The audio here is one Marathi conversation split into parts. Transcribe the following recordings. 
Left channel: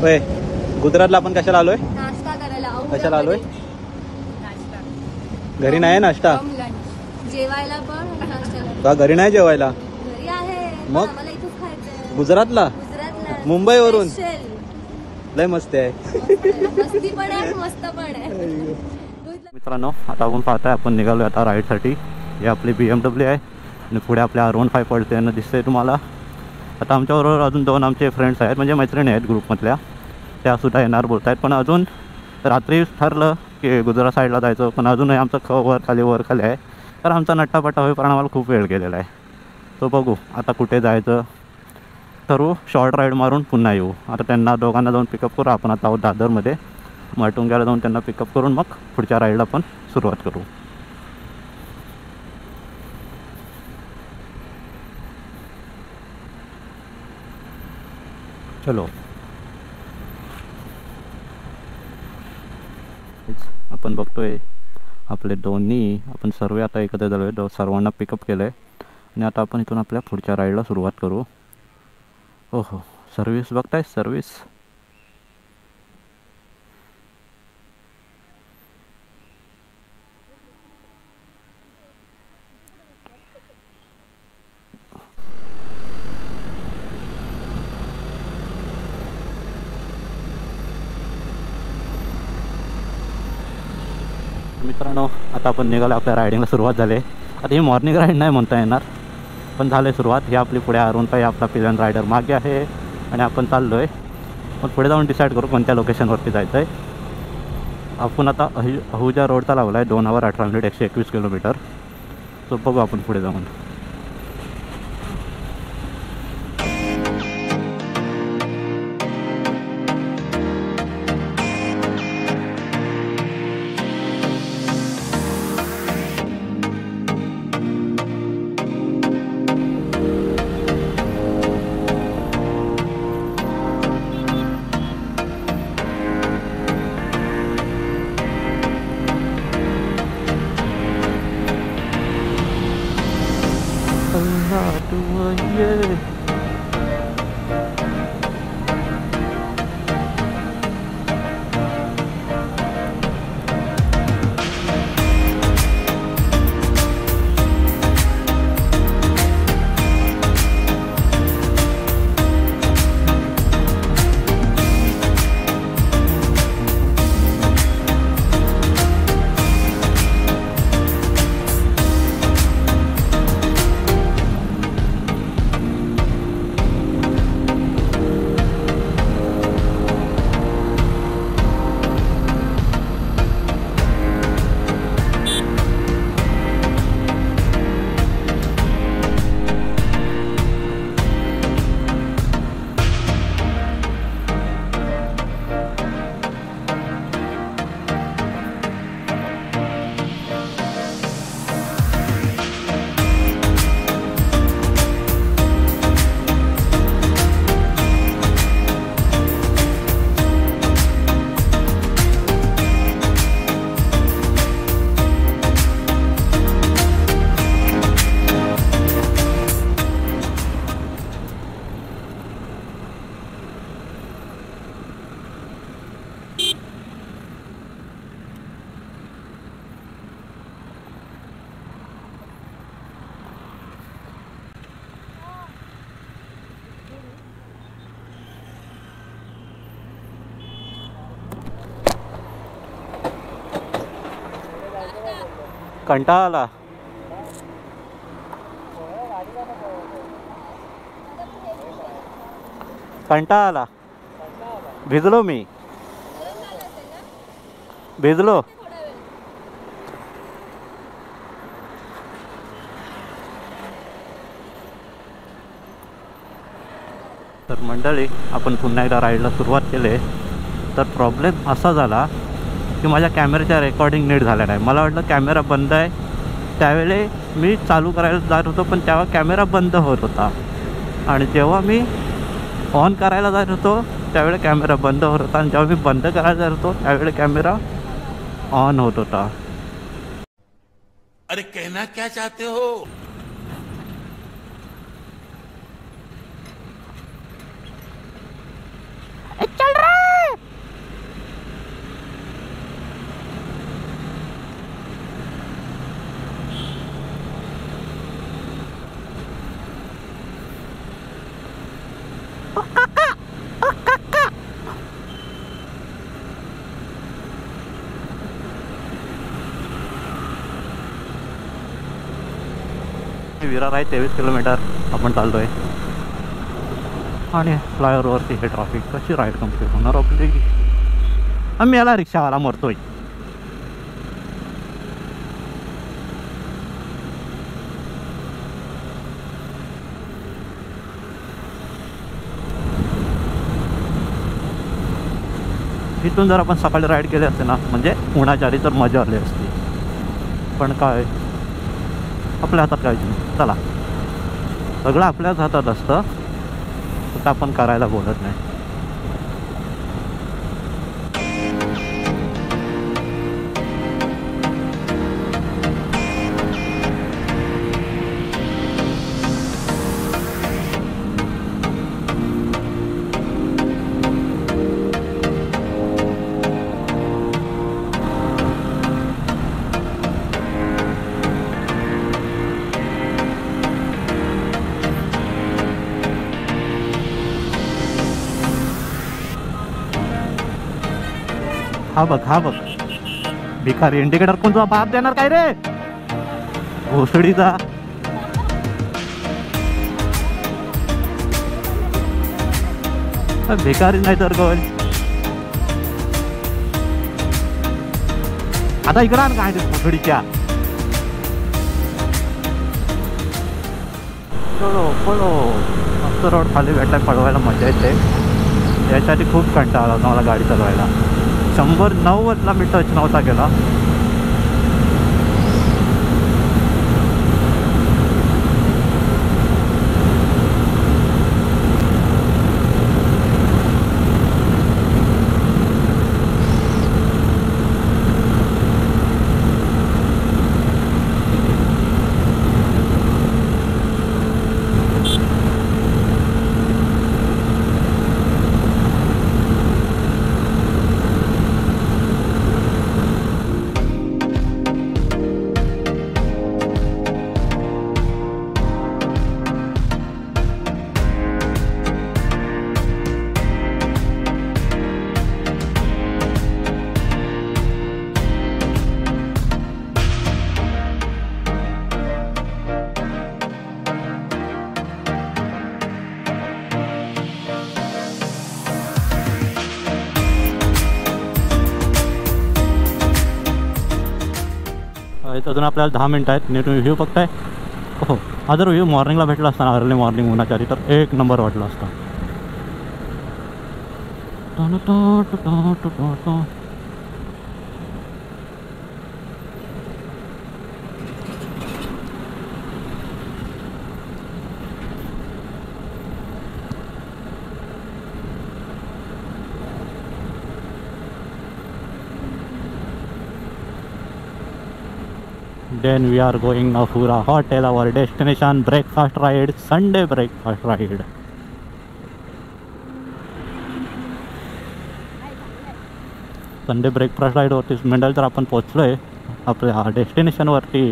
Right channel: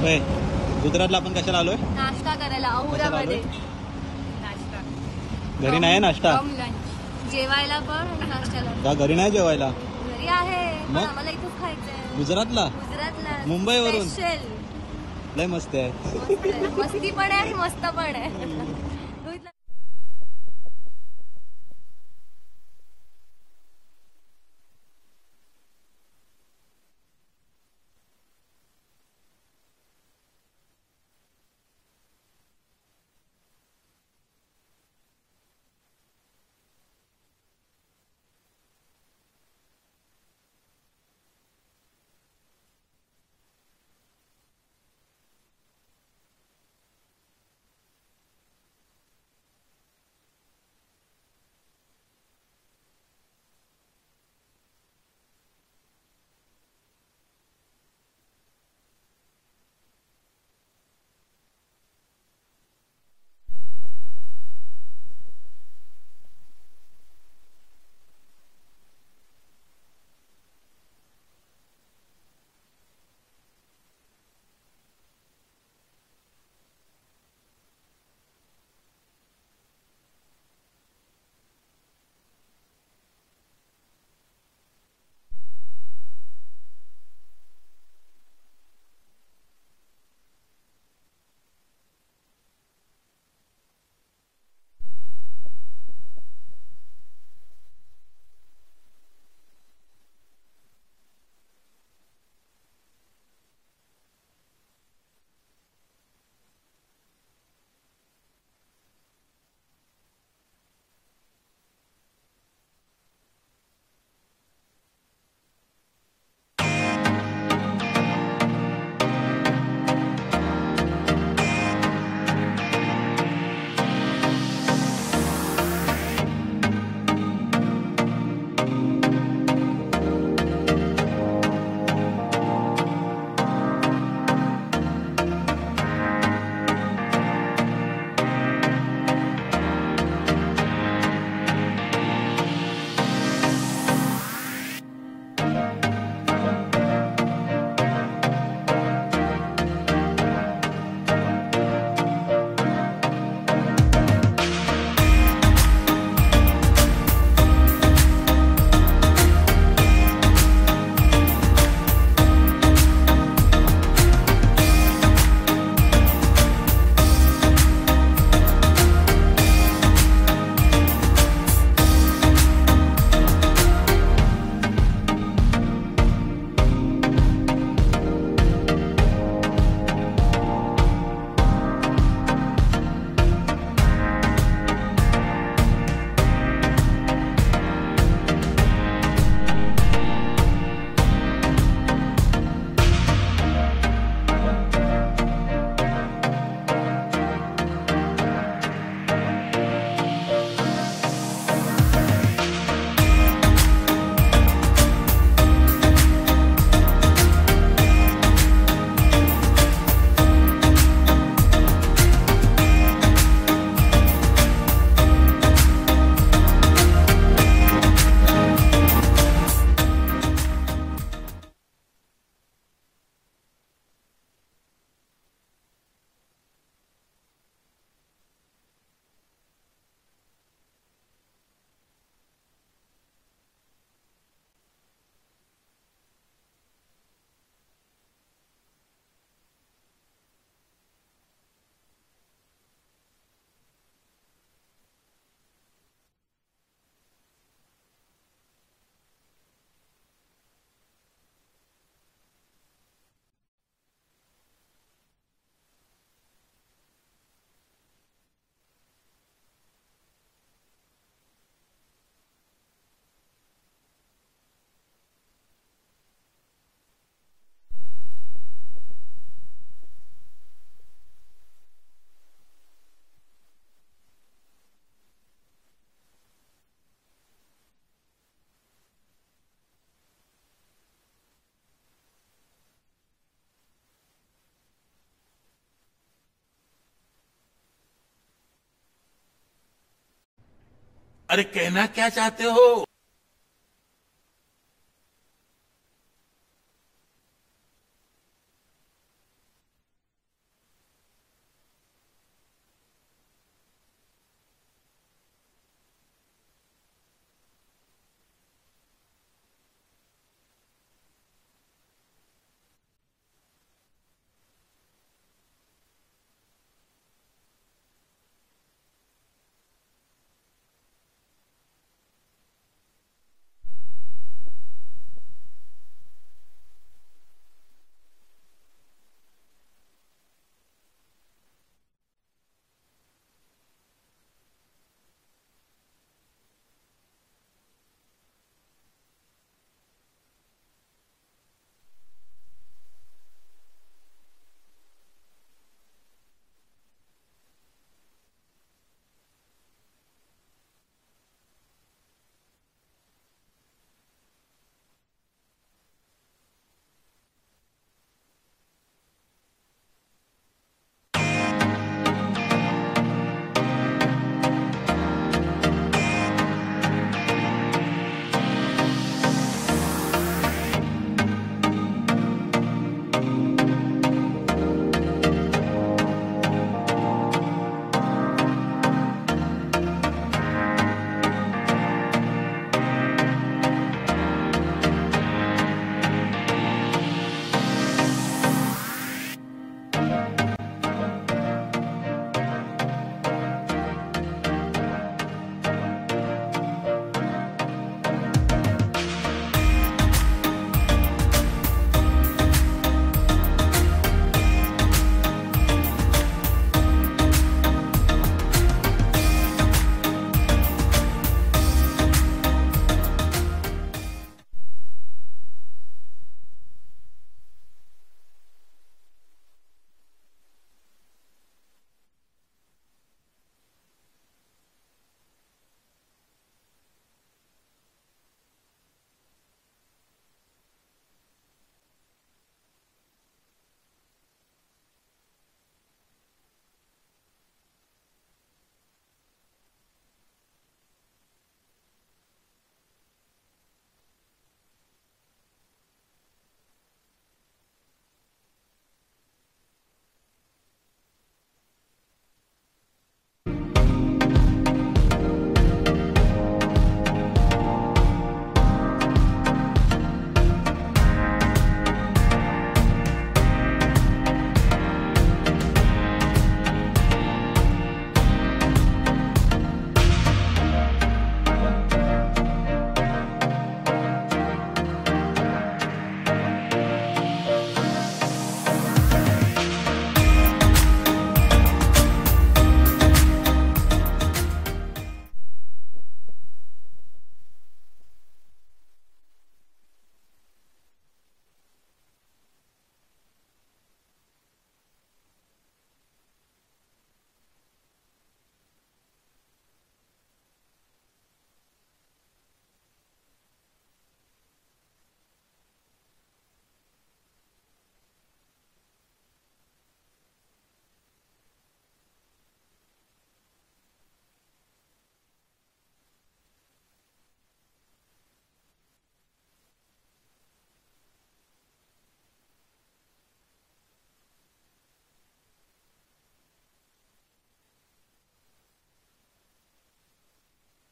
होय, गुजरातला आपण कशाला आलोय? नाश्ता करायला. कशाला आलोय? नाश्ता. घरी नाही नाश्ता, जेवायला पण नाश्ता. का घरी नाही जेवायला? घरी आहे मग? आम्हाला इथंच खायचंय. गुजरातला? मुंबईवरून? लय मस्त आहे. मस्ती पण आहे, मस्त पण आहे. मित्रांनो, आता आपण पाहताय, आपण निघालो आता राईडसाठी. ही आपली BMW आहे आणि पुढे आपल्या R15 पडते ना, दिसतंय तुम्हाला. आता आमच्याबरोबर अजून 2 आमचे फ्रेंड्स आहेत, म्हणजे मैत्रिणी आहेत ग्रुपमधल्या, त्यासुद्धा येणार बोलत आहेत. पण अजून रात्री ठरलं की गुजरात साईडला जायचं, पण अजूनही आमचं वर खाली आहे. तर आमचा नट्टापट्टा होईपर्यंत आम्हाला खूप वेळ गेलेला आहे. तो बघू आता कुठे जायचं, ठरवू, शॉर्ट राईड मारून पुन्हा येऊ. आता त्यांना दोघांना जाऊन पिकअप करू. आपण आता आहोत दादरमध्ये, माटुंग्याला जाऊन त्यांना पिकअप करून मग पुढच्या राईडला पण सुरुवात करू. चलो, आपण बघतोय आपले दोन्ही, आपण सर्व आता एकत्र झालो आहे, सर्वांना पिकअप केलं आहे आणि आता आपण इथून आपल्या पुढच्या राईडला सुरुवात करू. ओहो, सर्विस बघताय, सर्विस. मित्रांनो, आता आपण निघालो, आपल्या रायडिंगला सुरुवात झाली. आता ही मॉर्निंग राईड नाही म्हणता येणार, पण झाले सुरुवात. ही आपली पुढे R15 आपला पिलन रायडर मागे आहे आणि आपण चाललो आहे. मग पुढे जाऊन डिसाईड करू कोणत्या लोकेशनवरती जायचं आहे. आपण आता अहुजा रोडचा लावला आहे, 2 hours 18 minutes 121 किलोमीटर. तो बघू आपण पुढे जाऊन. कंटाळा आला. कंटाळा आला. भिजलो मी, भिजलो. तर मंडळी, आपण पुन्हा एकदा राईडला सुरुवात केली. तर प्रॉब्लेम असा झाला की माझ्या कॅमेऱ्याच्या रेकॉर्डिंग नीट झाल्या नाही. मला वाटलं कॅमेरा बंद आहे, त्यावेळी मी चालू करायला जात होतो पण तेव्हा कॅमेरा बंद होत होता, आणि जेव्हा मी ऑन करायला जात होतो त्यावेळी कॅमेरा बंद होत होता, आणि जेव्हा मी बंद करायला जात होतो त्यावेळी कॅमेरा ऑन होत होता. अरे कहना क्या चाहते हो? चल रहा विरार आहे 23 किलोमीटर आपण चाललो आहे. आणि फ्लायओव्हरवरती हे ट्रॉफिक कशी राईड कम्प्लीट होणार आपली. आम्ही याला रिक्षावाला मरतोय. इथून जर आपण सकाळी राईड केले असते ना म्हणजे उन्हाच्या आधी तर मजा आली असती. पण काय आपल्या हातात काहीच नाही. चला सगळं आपल्याच हातात असतं फक्त आपण करायला बोलत नाही. हा बघ भिकारी इंडिकेटर कोणता बाप देणार काय रे भोसडीचा. भिकारी नाही तर कोण. आता इकडं काय भोसडीच्या. पळो मस्त रोड खाली भेटला पळवायला मजा येते. याच्यासाठी खूप कंटाळा होता मला गाडी चालवायला. 190ला मी टच नव्हता केला. अजून आपल्याला 10 मिनिट आहेत. नीट व्ह्यू बघताय. हो हा जर व्ह्यू मॉर्निंगला भेटला असता ना अर्ली मॉर्निंग उन्हाच्या आधी तर एक नंबर वाटला असता. Then we are going Nafura Hotel, our destination. Breakfast ride, Sunday breakfast ride. Sunday breakfast राईडवरती मिळाल तर आपण पोचलोय आपल्या डेस्टिनेशनवरती.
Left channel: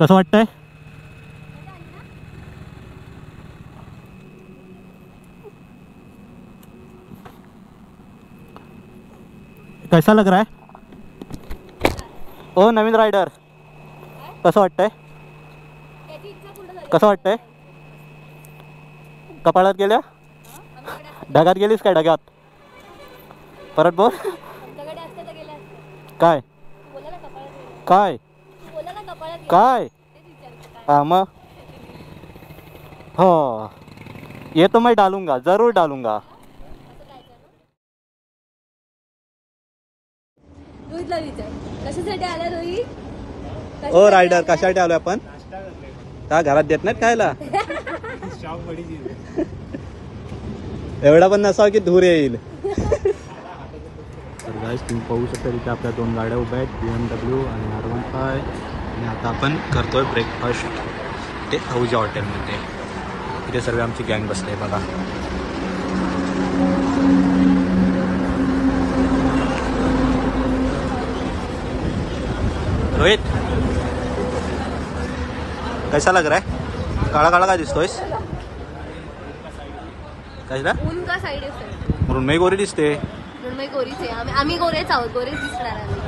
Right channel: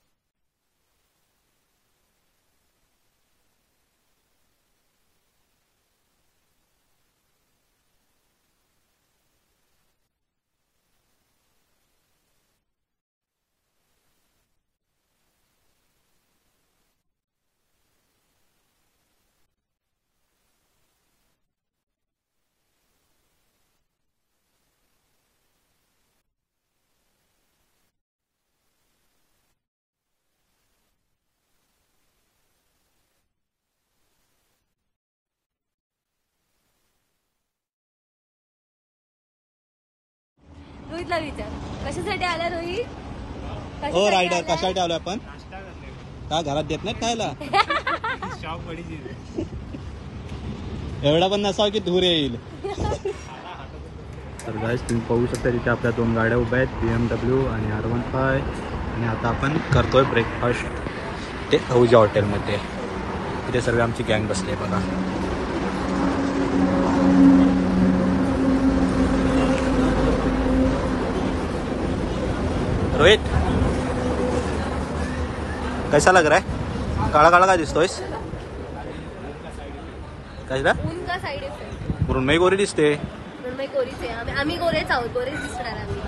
कसं वाटतंय? कैसा लग रहा है ओ नवीन रायडर? कसं वाटतंय? कसं वाटतंय? कपाळात गेल्या? ढगात गेलीस काय? ढगात परत बोल. काय काय काय? हाँ मग हो ये तो मैं डालूंगा, जरूर डालूंगा. रोहितला विचार कशासाठी आला रोहित? ओ रायडर कशासाठी आलोय आपण? का घरात देत नाहीत खायला? एवढा पण नसावा की धूर येईल. तर गाईस तुम्ही पाहू शकता तिथे आपल्या 2 गाड्या उभ्या आहेत, BMW आणि R15. आणि आता आपण करतोय ब्रेकफास्ट ते अहुजा हॉटेलमध्ये. तिथे सर्व आमची गँग बसली आहे बघा. रोहित कैसा लग रहा है? काळा काळा काय दिसतोयस? काय झालं? ऊन का साईड इफेक्ट मृण्मयी गोरी दिसते. मृण्मयी गोरीच आहे. आम्ही गोरेच आहोत. गोरेच दिसणार आम्ही.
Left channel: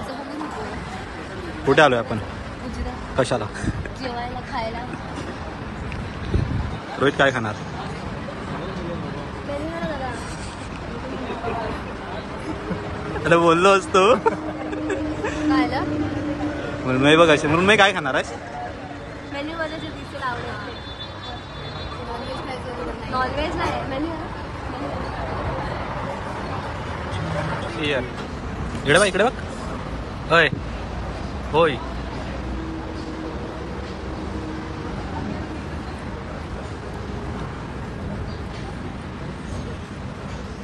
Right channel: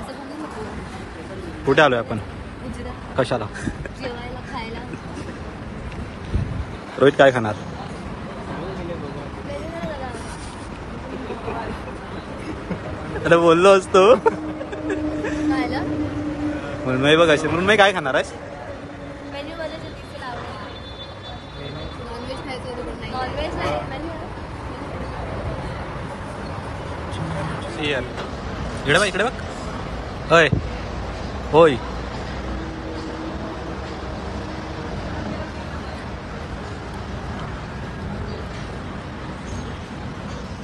असं म्हणू नको. कुठे आलोय आपण? गुजरात कशाला? जेवायला खायला. रोहित काय खाणार? अरे बोललो असतो. खायला मृण्मयी बघ असे. मृण्मयी काय खाणार आहेस? मेन्यू मध्ये जे दिसेल आवडेल. नॉनव्हेज खायचं होतं पण नाही. नॉनव्हेज नाही मेन्यू. इकडे बघ, इकडे बघ. होय होय.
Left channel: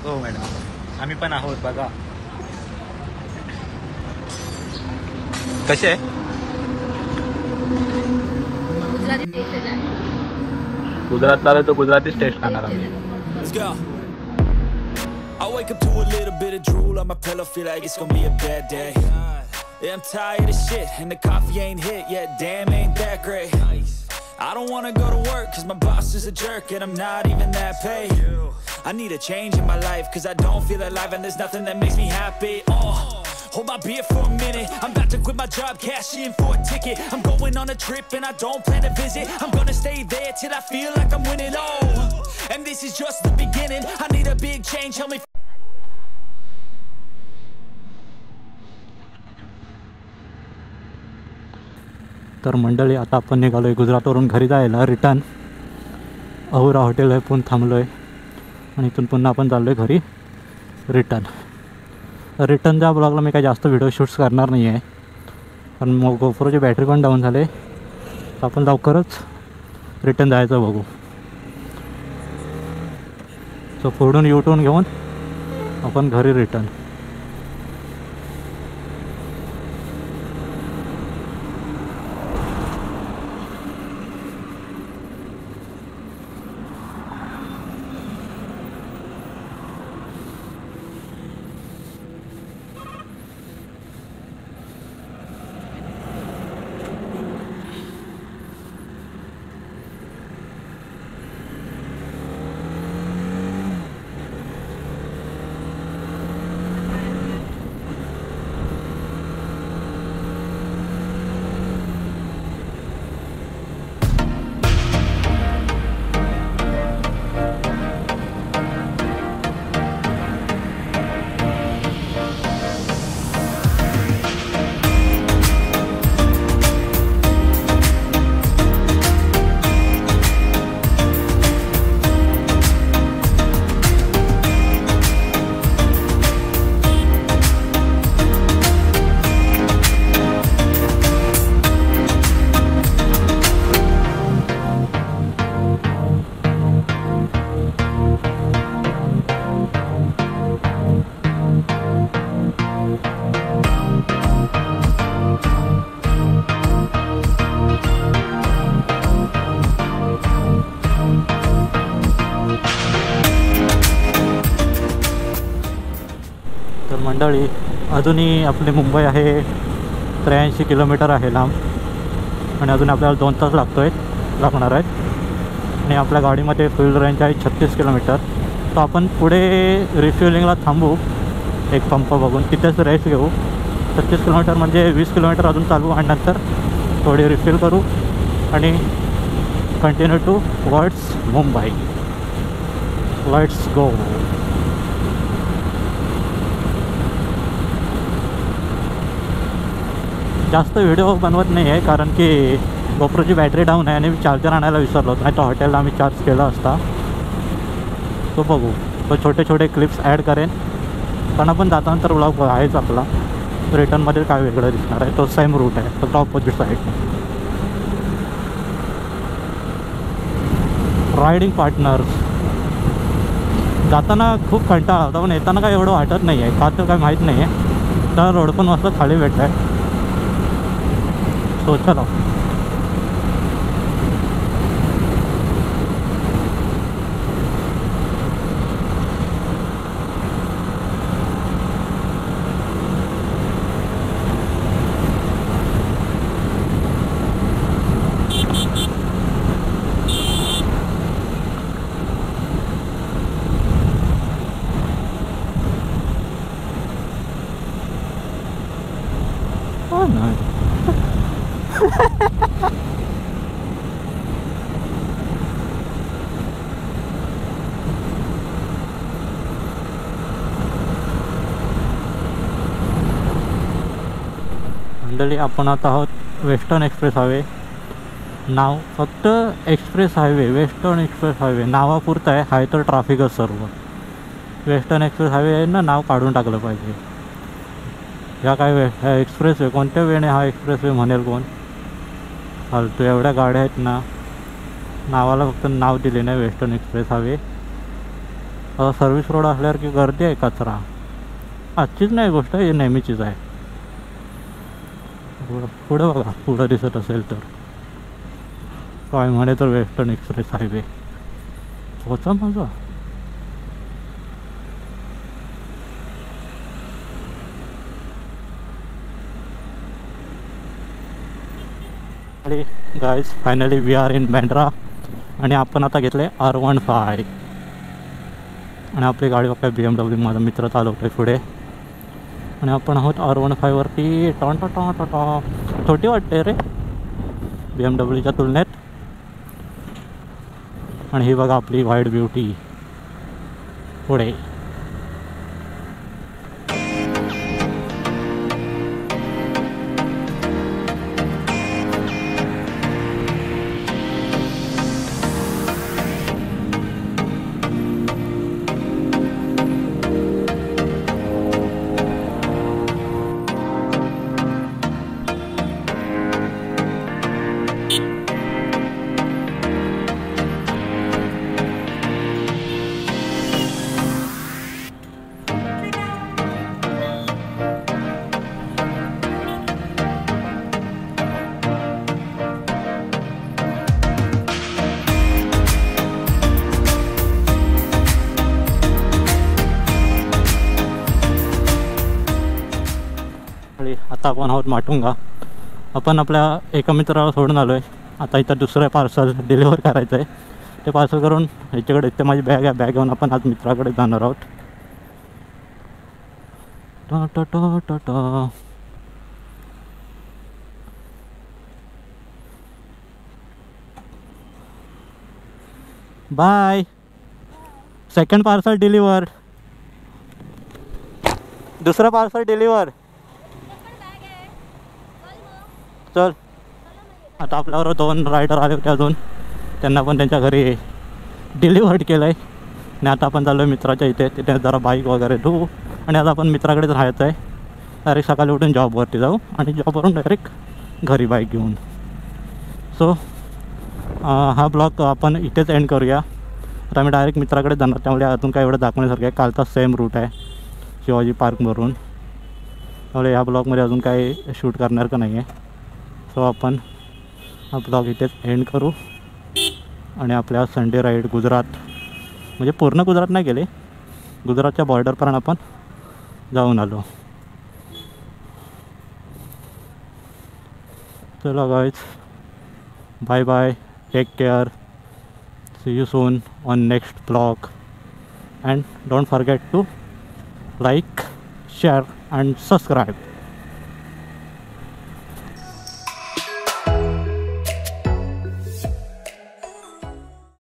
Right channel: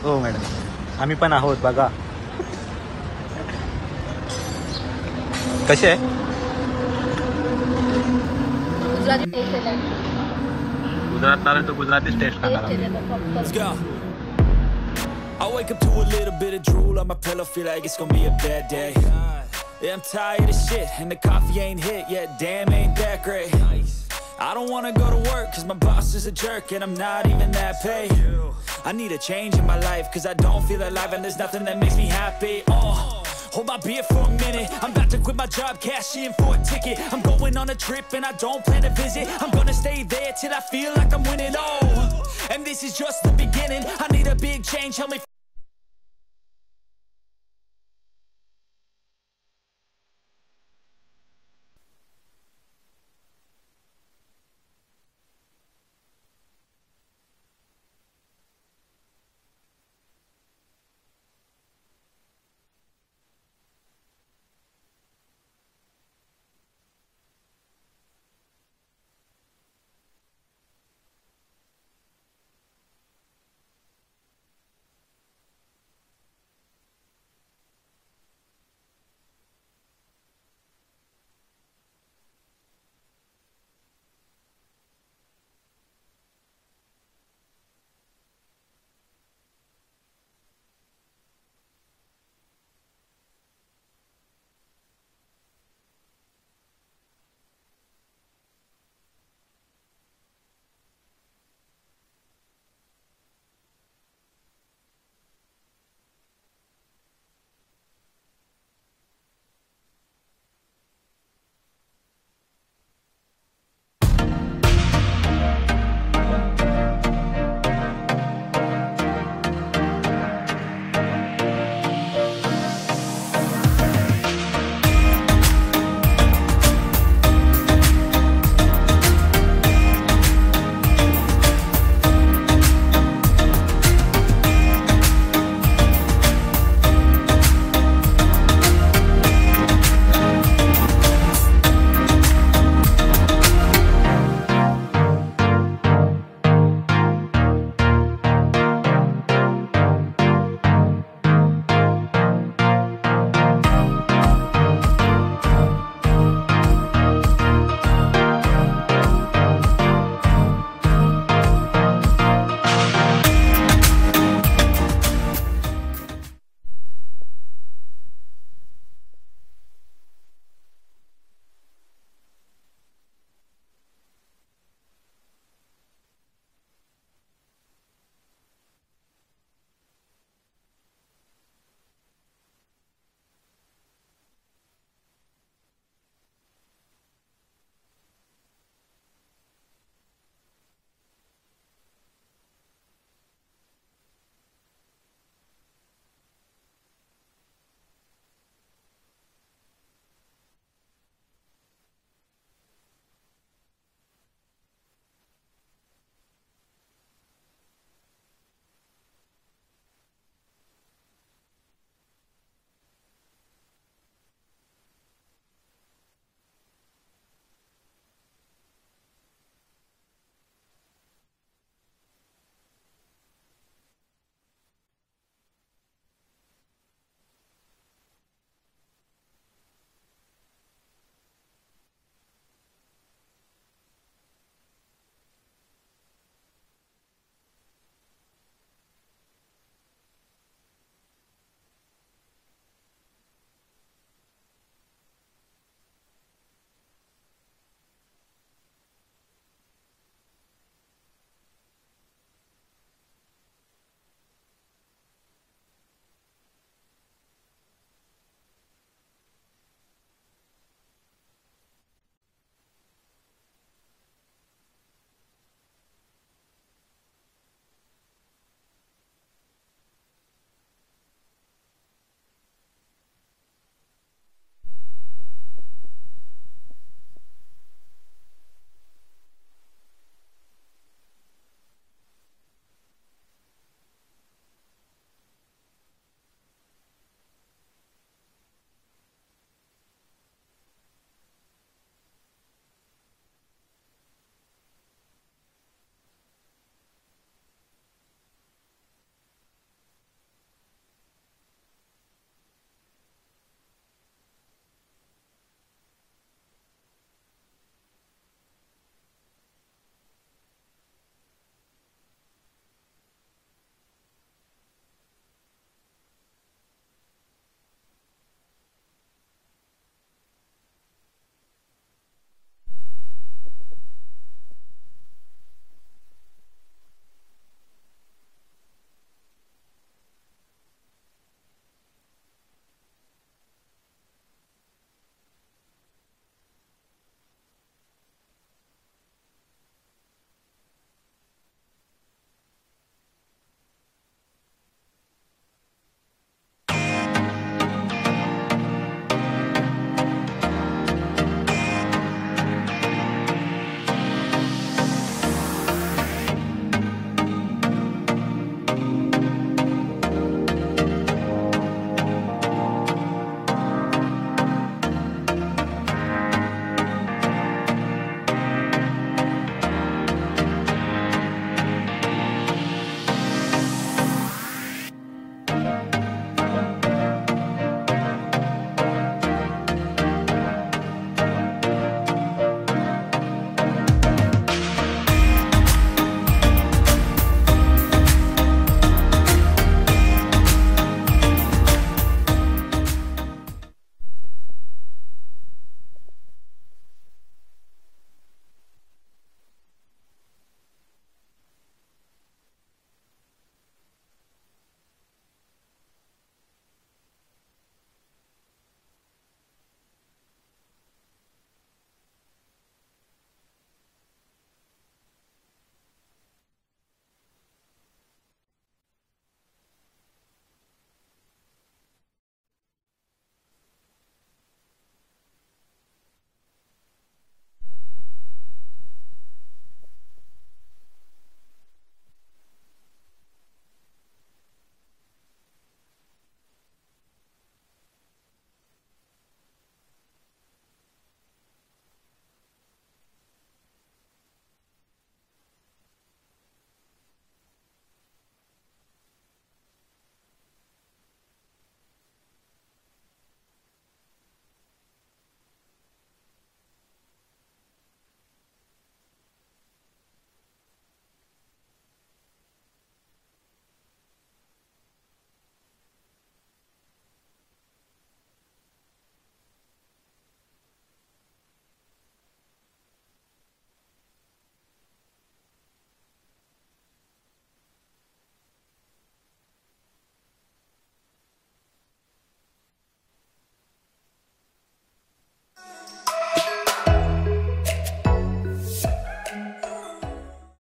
हो मॅडम, आम्ही पण आहोत बघा. कसे आहे? गुजराती टेस्ट आहे. गुजरातला आलोय तो गुजरातीच टेस्ट खाणार आम्ही. Let's go. I wake up to a little bit of drool on my pillow, feel like it's gonna be a bad day. Yeah, I'm tired of shit, and the coffee ain't hit yet, damn ain't that great. I don't wanna go to work, cause my boss is a jerk, and I'm not even that paid. I need a change in my life, cause I don't feel alive, and there's nothing that makes me happy. Hold my beer for a minute, I'm about to quit my job, cash in for a ticket. I'm going on a trip, and I don't plan to visit. I'm gonna stay there till I feel like I'm winning, and this is just the beginning. I need a big change, help me. तर मंडळी, आता आपण निघालो आहे गुजरातवरून घरी जायला रिटर्न. अहुरा हॉटेल आहे पण थांबलो आहे, आणि इथून पुन्हा आपण चाललो आहे घरी रिटर्न. रिटर्नच्या ब्लॉगला मी काही जास्त व्हिडिओ शूट्स करणार नाही आहे, पण मग गोप्रोची बॅटरी पण डाऊन झाले. तर आपण लवकरच रिटर्न जायचं बघू. सो पुढून युटर्न घेऊन आपण घरी रिटर्न. मंडळी, अजूनही आपली मुंबई आहे 83 किलोमीटर आहे लांब, आणि अजून आपल्याला 2 तास लागणार आहेत. आणि आपल्या गाडीमध्ये फ्युल रेंज आहे 36 किलोमीटर. तर आपण पुढे रिफ्युलिंगला थांबू एक पंप बघून, तिथेच रेस्ट घेऊ. 36 किलोमीटर म्हणजे 20 किलोमीटर अजून चालू, आणि नंतर थोडी रिफिल करू आणि continue towards Mumbai. Let's go. जास्त व्हिडिओ बनवत नाही आहे, कारण की गोप्रोची बॅटरी डाऊन आहे आणि मी चार्जर आणायला विसरलो. नाही तर हॉटेलला आम्ही चार्ज केला असता. तो बघू, तो छोटे छोटे क्लिप्स ॲड करेन, पण आपण जातानंतर ब्लॉग आहेच आपला. रिटर्नमध्ये काय वेगळं दिसणार आहे, तो सेम रूट आहे, फक्त ऑपोजिट साईड. Riding partners. जाताना खूप कंटाळा होता, पण येताना काय एवढं वाटत नाही आहे, का तर काय माहीत नाही आहे. तर रोड पण मस्त खाली भेटत आहे. सो चला. नाही. मंडळी आपण आता आहोत वेस्टर्न एक्सप्रेस हायवे. नाव फक्त express highway, western express highway नावापुरतं आहे. हाय तर ट्राफिकच सर्व. वेस्टर्न एक्सप्रेस हायवे आहे ना, नाव काढून टाकलं पाहिजे. ह्या काय ह्या एक्सप्रेस वे कोणत्या वेळेने हा एक्सप्रेस वे म्हणेल कोण? फालतू एवढ्या गाड्या आहेत ना, नावाला फक्त नाव दिले नाही western express highway. Service road असल्यावर की गर्दी आहे, कचरा. आजचीच नाही गोष्ट, ही नेहमीचीच आहे. पुढं बघा, पुढं दिसत असेल तर काय म्हणे तर वेस्टर्न एक्सप्रेस हायवे होता माझा. आणि guys finally we are in Bandra आणि आपण आता घेतले R15 आणि आपली गाडी बघा BMW. माझा मित्र चालवतो आहे पुढे आणि आपण आहोत R15 वरती. टॉन छोटी वाटते रे BMWच्या तुलनेत. आणि ही बघा आपली व्हाईट ब्युटी पुढे. आता आपण आहोत माटुंगा. आपण आपल्या एका मित्राला सोडून आलो आहे. आता इथं दुसरं पार्सल डिलिव्हर करायचं आहे. ते पार्सल करून ह्याच्याकडे इथे माझी बॅग आहे. बॅग घेऊन आपण आज मित्राकडे जाणार आहोत. बाय. Second parcel deliver. दुसरं पार्सल डिलिव्हर. चल. आता आपल्यावर 2 रायडर आले होते अजून. त्यांना पण त्यांच्या घरी डिलिव्हर्ड केलं आहे. आणि आता आपण चाललो आहे मित्राच्या इथे. तिथे जरा बाईक वगैरे धुवू आणि आता आपण मित्राकडेच राहायचं आहे. डायरेक्ट सकाळी उठून जॉबवरती जाऊ आणि जॉबवरून डायरेक्ट घरी बाईक घेऊन. सो हा ब्लॉग आपण इथेच एंड करूया. आता आम्ही डायरेक्ट मित्राकडे जाणार, त्यामुळे अजून काय एवढं दाखवण्यासारखं आहे. कालचा सेम रूट आहे शिवाजी पार्कवरून. त्यामुळे ह्या ब्लॉगमध्ये अजून काही शूट करणार का नाही आहे. सो आपण हा ब्लॉग इथेच एंड करू आणि आपल्या संडे राईड गुजरात, म्हणजे पूर्ण गुजरात नाही गेले, गुजरातच्या बॉर्डरपर्यंत आपण जाऊन आलो. चलो guys, bye bye, take care, see you soon on next blog and don't forget to like, share and subscribe.